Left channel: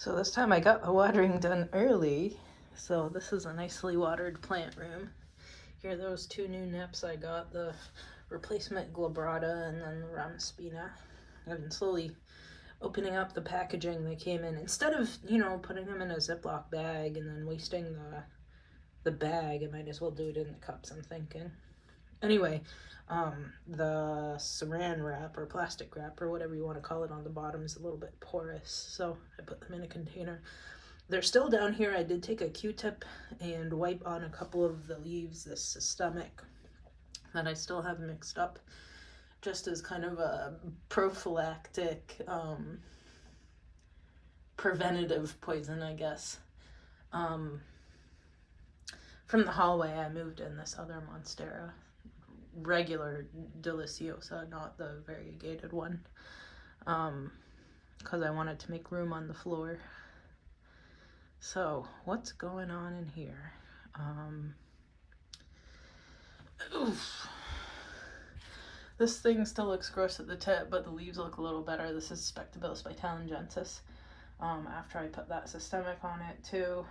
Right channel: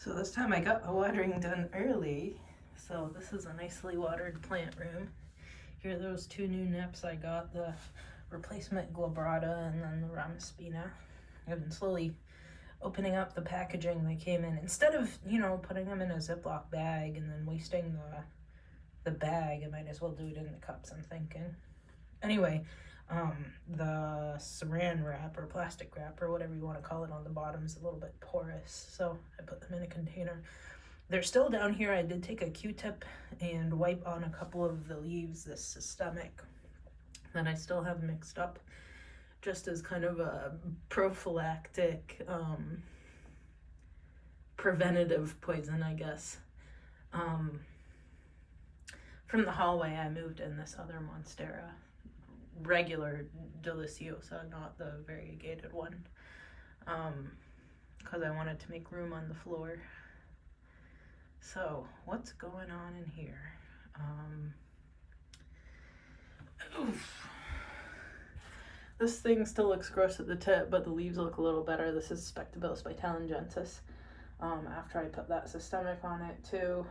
So this time I got the watering done early. So this is a nicely watered plant room. Here are those two new nips I got, the replacement glabrata and then the ramaspina. I've been slowly opening up the packaging they came in. Instead of, putting them in a Ziploc bag and then wasting the bag, I might as well do it in the cups, I'm thinking. Anyway, the saran wrap or plastic wrap or whatever you want to call it on the bottom is a little bit porous, so I put them in a container. They're still down here. I did take a Q-tip and wipe on a couple of the leaves, this systemic that I still have mixed up, just as kind of a prophylactic, preventative poison, I guess. From the hallway, I moved in this other Monstera, regular Deliciosa, not the variegated one, because I wanted to make room on the floor. So what's going on in here? Oof. This thing still looks gross at the tip, but the leaves look a little better. This is Spectabilis by Talengensis. After I put that systemic on it too.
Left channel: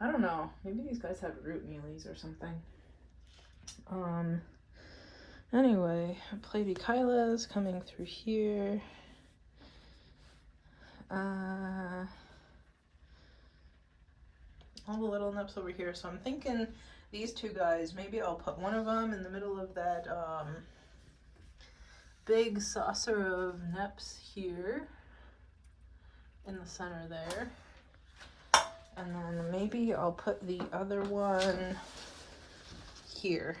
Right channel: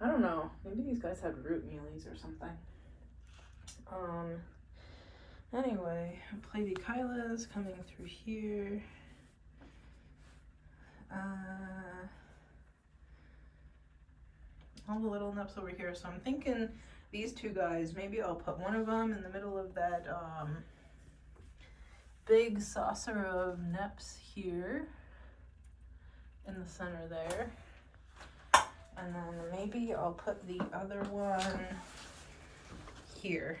I don't know, maybe these guys have root mealies or something. Anyway, Platykyla is coming through here. All the little nips over here. So I'm thinking these two guys, maybe I'll put one of them in the middle of that big saucer of nips here in the center there. And then maybe I'll put the other one here,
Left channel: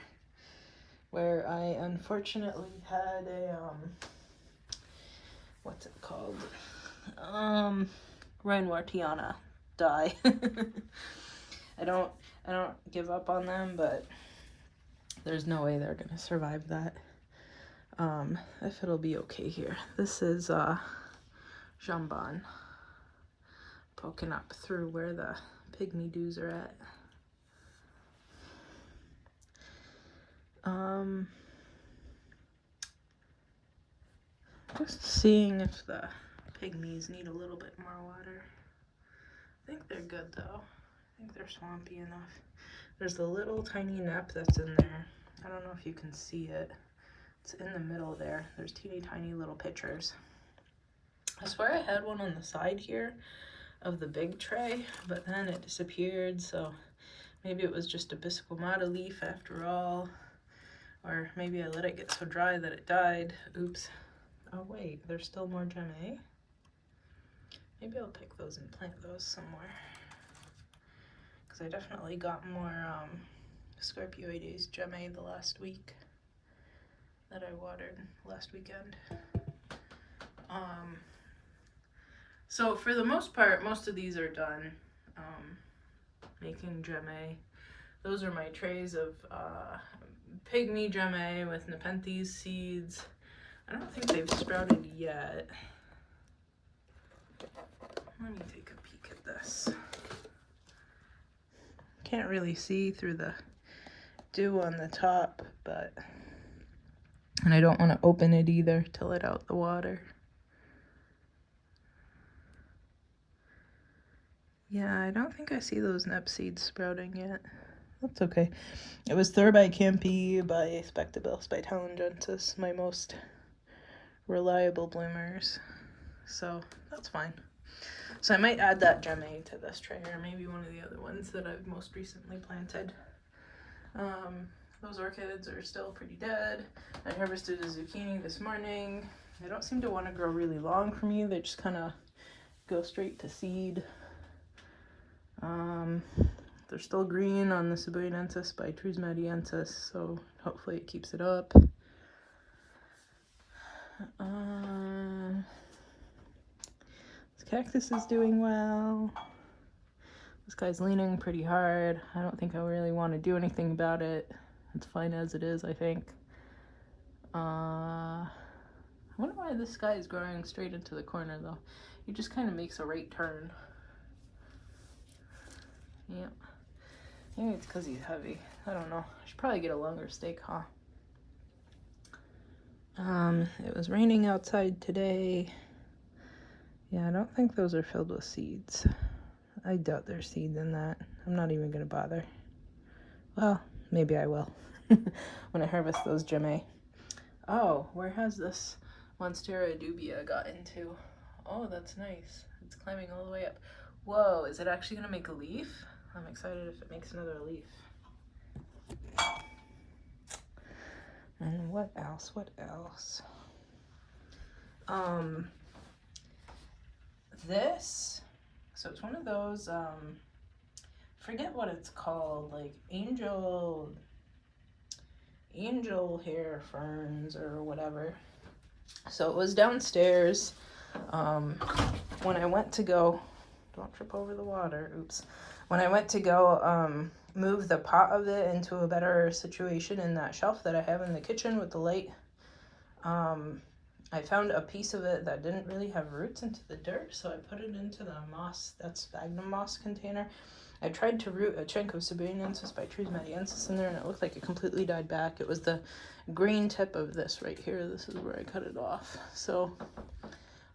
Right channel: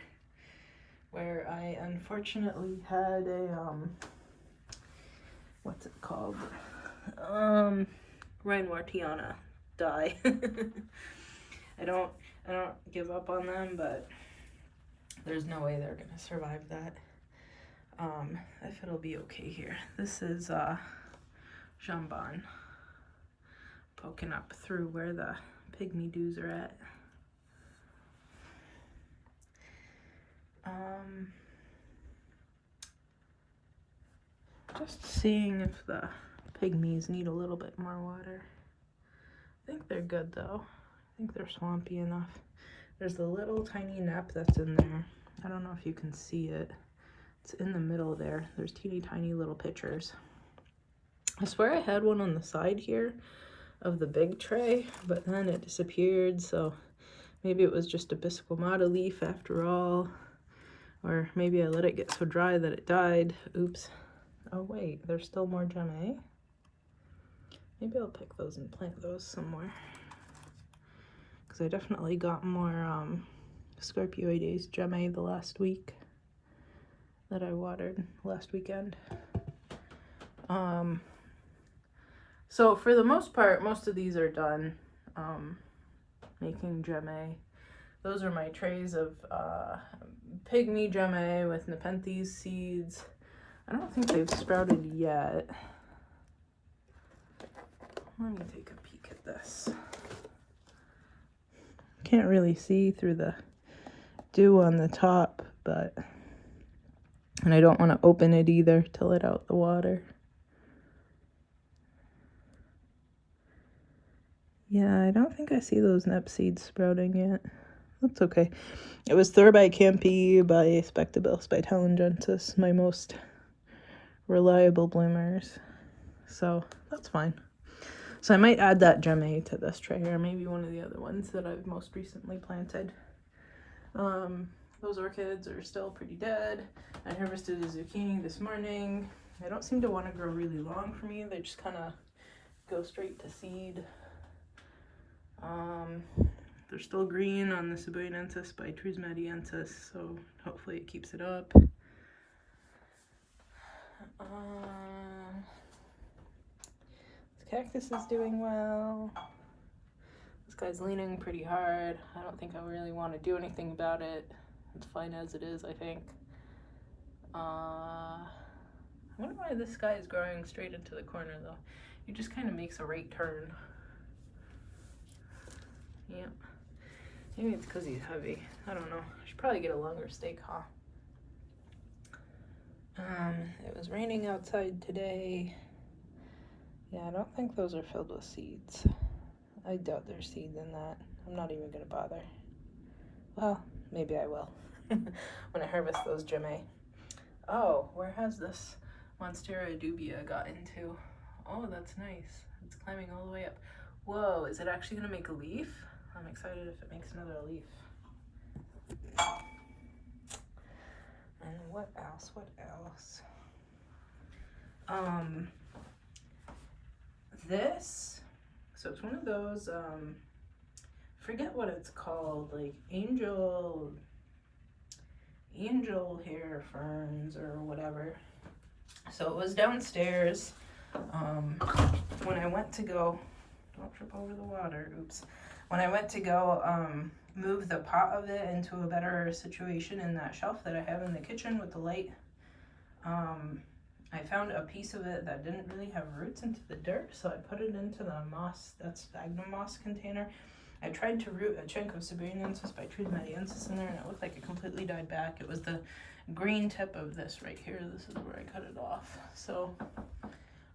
where I unfortunately had a, what's it called? Reinwartiana die. I don't give up on them, but there's no way they're gonna survive that. If it'll be okay here. This is jambon poking up through where the pygmy dews are at. Just seeing if the pygmies need a little bit more water. I think they're good though. I think they're swampy enough. There's the little tiny nip that's in there. I don't know if you can see it. It's in the middle there. There's teeny tiny little pitchers. I swear I had one on the side here of the big tray, but then it disappeared, so maybe it was just a bisquamata leaf after all, or maybe I let it get so dry that it died. Oops. Oh wait, there's still more gemme. Maybe I'll pick those and plant those somewhere, because I definitely got more Scorpioides gemme the last week that I watered last weekend. So for the most part, most of these are done making gemme. Those are my trays of pygmy gemme with Nepenthes seeds. I don't think they've sprouted yet. Let me take a peek at this. Can't really see through the dew on the top, and I don't want to open it either to let out the water. Yeah, I don't think I see those nep seeds sprouting yet. That's okay. It was Thorbicampi by Spectabilis by Talengensis, my most reliable bloomers. So that's fine. So I might add that gemme to this tray, or maybe one of the other ones that I've most recently planted. Those orchids are still pretty dead. I harvested a zucchini this morning. They don't seem to want to grow really long for me. They just kind of go straight to seed. They're still green on the Cebuensis by Trismediensis, so hopefully it keeps it up. This cactus is doing well. This guy's leaning pretty hard. I don't think I really want to do anything about it. It's fine as it is, I think. I wonder why this guy is growing straight into the corner though. He just kind of makes a right turn. Yep. Maybe it's because he's heavy. I don't know. I should probably get a longer stake, huh? It was raining outside today. Yeah, I don't think those are filled with seeds. I doubt there's seeds in that. I'm not even gonna bother. Well, maybe I will when I harvest those Jame. Oh, where has this Monstera dubia got into? Oh, that's nice. It's climbing all the way up. Whoa, is it actually gonna make a leaf? I'm excited if it makes another leaf. And what else? What else? This, so it's one of those, forget what it's called, like angel hair ferns or whatever. So it was downstairs, when I went to go, don't trip over the water, oops. When I went to go, move the pot of it into a better situation in that shelf that I have in the kitchen with the light, I found a piece of it that didn't really have roots into the dirt, so I put it into the moss, that sphagnum moss container. I tried to root a chunk of Sabiniensis by Trusmatiensis in there, and it looked like it completely died back. It was the green tip of this right here. This is where I cut it off. So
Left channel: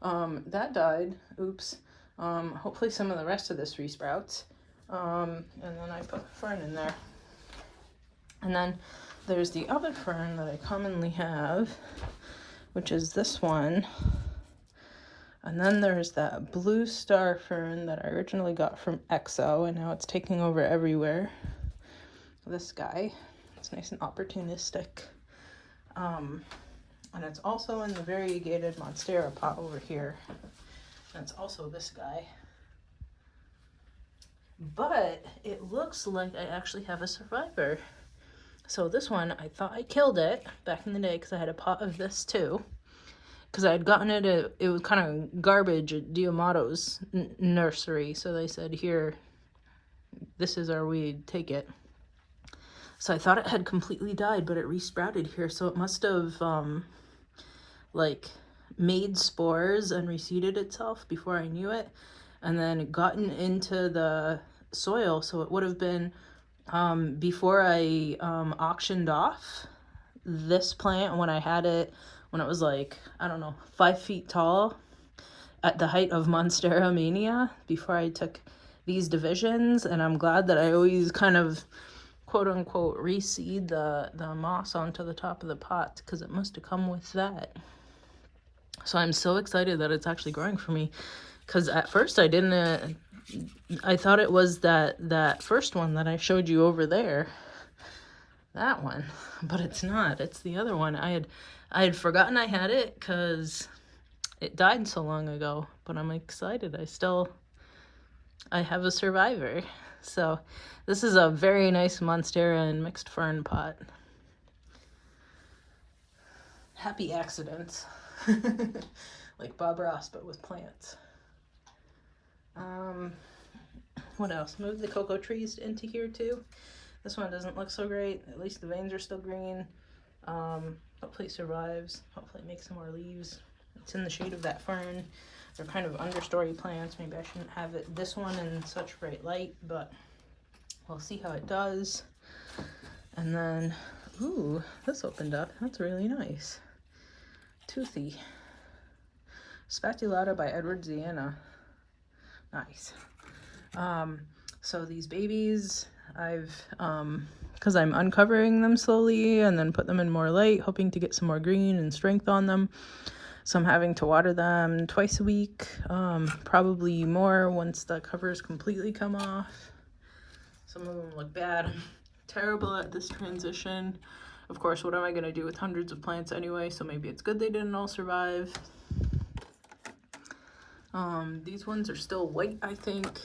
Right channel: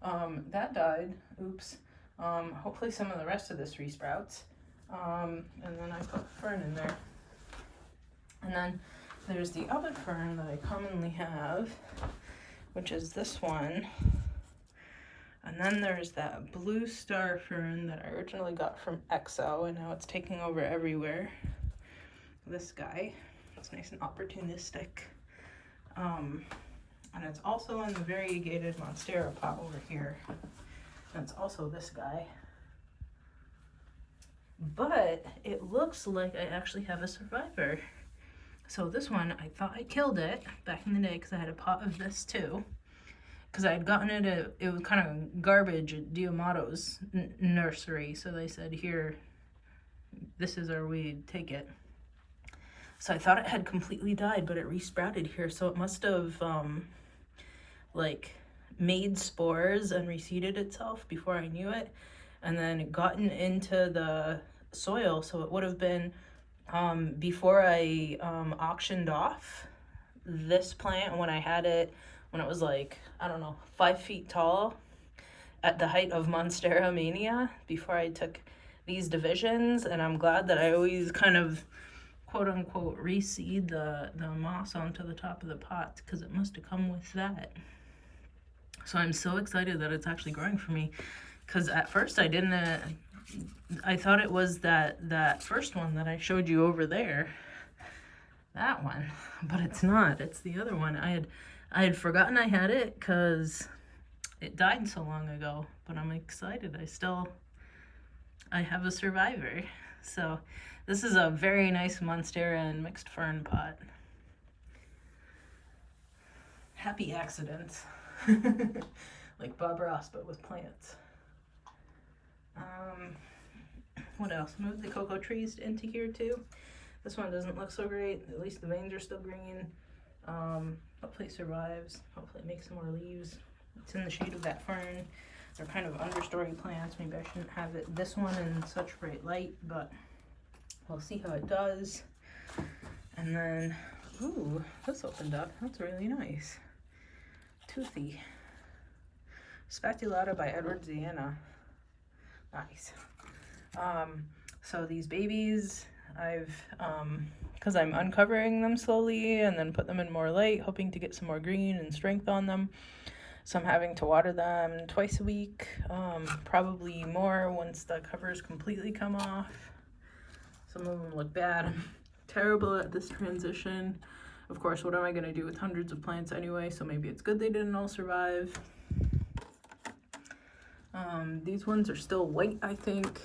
that died. Oops. Hopefully some of the rest of this resprouts. And then I put fern in there. And then there's the other fern that I commonly have, which is this one. And then there's that blue star fern that I originally got from EXO, and now it's taking over everywhere. This guy, it's nice and opportunistic. And it's also in the variegated Monstera pot over here. And it's also this guy. But it looks like I actually have a survivor. So this one, I thought I killed it back in the day because I had a pot of this too. Because I had gotten it, it was kind of garbage at Diamato's nursery. So they said, here, this is our weed, take it. So I thought it had completely died, but it resprouted here. So it must have, like, made spores and reseeded itself before I knew it. And then gotten into the soil. So it would have been, before I auctioned off this plant when I had it, when it was like, I don't know, 5 feet tall at the height of Monstera mania, before I took these divisions. And I'm glad that I always kind of quote unquote reseed the moss onto the top of the pot, because it must have come with that. So I'm so excited that it's actually growing for me, because at first I didn't, I thought it was that first one that I showed you over there, that one, but it's not. It's the other one. I had forgotten I had it because it died so long ago, but I'm excited. I have a survivor. So this is a very nice Monstera and mixed fern pot. Happy accidents. Like Bob Ross, but with plants. What else? Move the cocoa trees into here too. This one doesn't look so great. At least the veins are still green. Hopefully survives. Hopefully makes some more leaves. It's in the shade of that fern. They're kind of understory plants. Maybe I shouldn't have this one in such bright light, but we'll see how it does. And then, ooh, this opened up. That's really nice. Toothy. Spatulata by Edward Ziana. Nice. So these babies, I've, because I'm uncovering them slowly and then put them in more light, hoping to get some more green and strength on them. So I'm having to water them twice a week, probably more once the covers completely come off. Some of them look bad. I'm terrible at this transition. Of course, what am I going to do with hundreds of plants anyway? So maybe it's good they didn't all survive. These ones are still white, I think.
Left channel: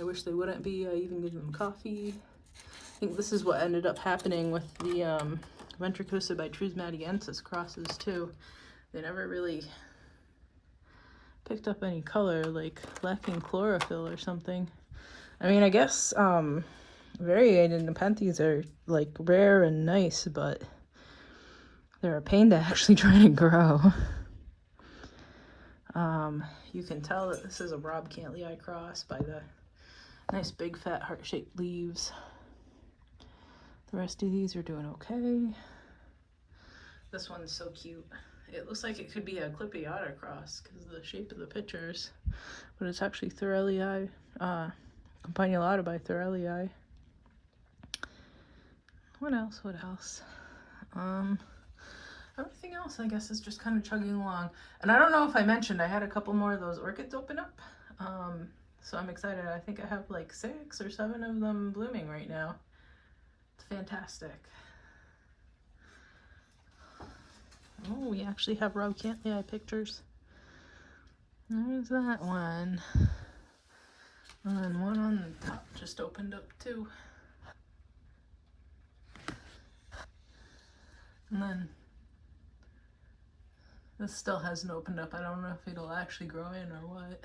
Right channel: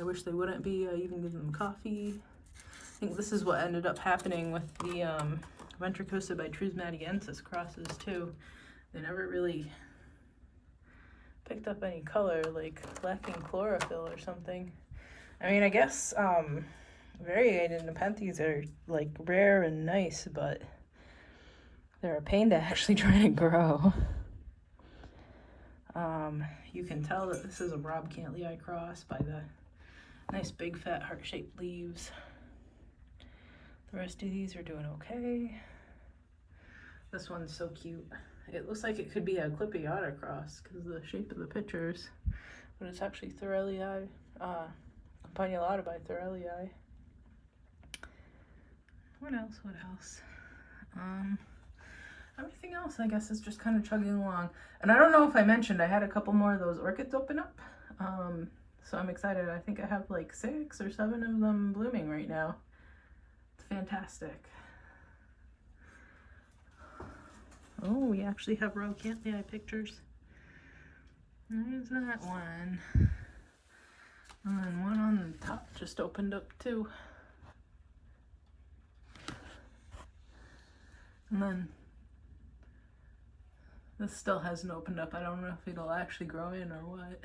I wish they wouldn't be. I even gave them coffee. I think this is what ended up happening with the Ventricosa by Trusmatiensis crosses too. They never really picked up any color, like lacking chlorophyll or something. I mean, I guess variegated Nepenthes are like rare and nice, but they're a pain to actually try to grow. You can tell that this is a Rob Cantley cross by the nice big fat heart-shaped leaves. The rest of these are doing okay. This one's so cute. It looks like it could be a Clippiata cross because of the shape of the pictures, but it's actually Thorellii, Campanulata by Thorellii. What else? What else? Everything else, I guess, is just kind of chugging along. And I don't know if I mentioned, I had a couple more of those orchids open up. So I'm excited. I think I have like 6 or 7 of them blooming right now. It's fantastic. Oh, we actually have Vlog103 pictures. There's that one. And one on the top just opened up too. And then this still hasn't opened up. I don't know if it'll actually grow in or what.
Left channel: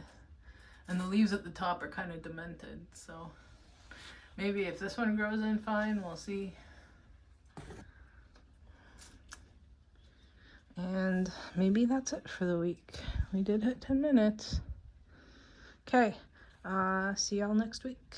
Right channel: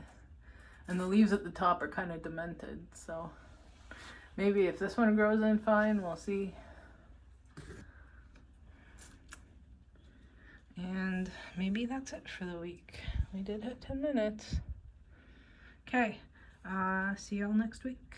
And the leaves at the top are kind of demented, so maybe if this one grows in fine, we'll see. And maybe that's it for the week. We did hit 10 minutes. Okay, see y'all next week.